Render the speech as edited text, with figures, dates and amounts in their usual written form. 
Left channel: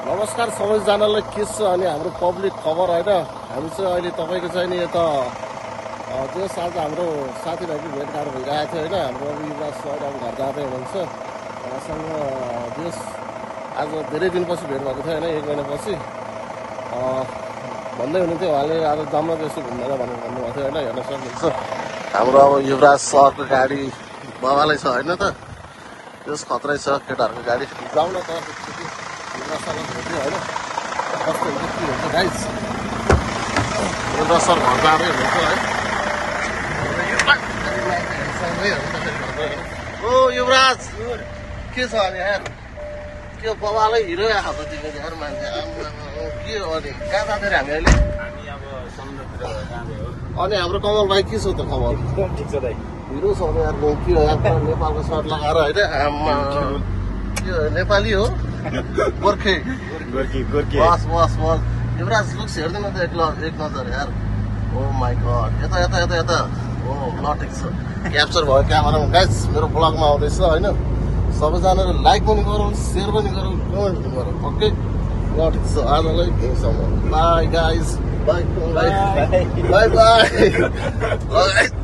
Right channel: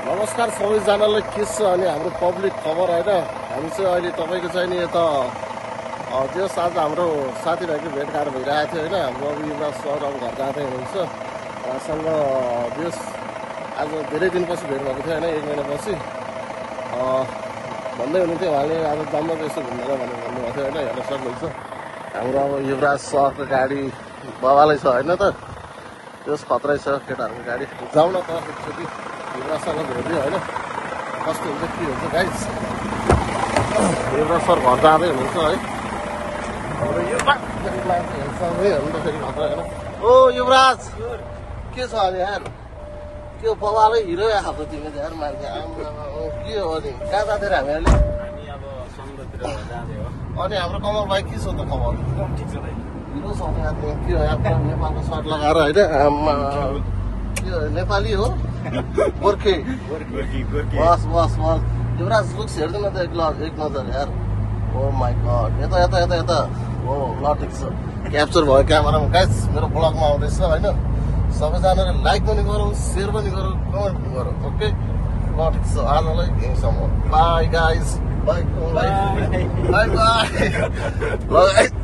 नमस्कार सबैजनालाई के छ अनि हाम्रो पब्लिक खबर होइन हामी चाहिँ अहिले तपाईँको चाहिँ नि यता जस आज हाम्रो साथीभाइको भेटघाट भइरहेको थियो होइन हाम्रो अब युवराज सर अब घर जाँदै हुनुहुन्छ उहाँसँग जस आज धेरै दिनपछि भेट भएको थियो होइन 1 महिनापछि भन्दै हुनुहुन्थ्यो उहाँले आज जाम्न त्यस्तो घुम्न भनेर भन्नुभएको थियो होइन हेर्न सक्नुहुन्छ हाम्रो अब युवराज सरको गाडी बाबालाई छ होइन त त्यस खतरै छ केटाहरूको गाडी जाउँ न त एकचोटि युवराजसँग भेट्यो होइन कस्तो हुन्छ के हुन्छ गाइस युवराज सर घर जाँदै हुनुहुन्छ है ओ युवराज के छ अनि यार के हो बाबालाई हिरो आएको तिमीले यार मान्छे के हो अनि कहाँ जाँदैन हामी अहिले अनि हाम्रो कमल भाइ के छ त खबर ठिक छ दाइ हिरो छ यार के हो यार नेपालको सर्ट लगाएर होइन के हो नेपाली हो गोर्खे बस बस बस युवराज लुक्स हेर्दैन त एक नजर यार ओ माई गड यता यता यता यता हो ल ठिक छ क्याप्चर भयो क्यामेरामा गाइस मेरो ब्लगमा आउँदैछ होइन सबैजनाले लाइक पनि गरौँ सेयर पनि गरौँ कमेन्ट पनि गरौँ ओके ल ठिक छ आजलाई by guys by by by by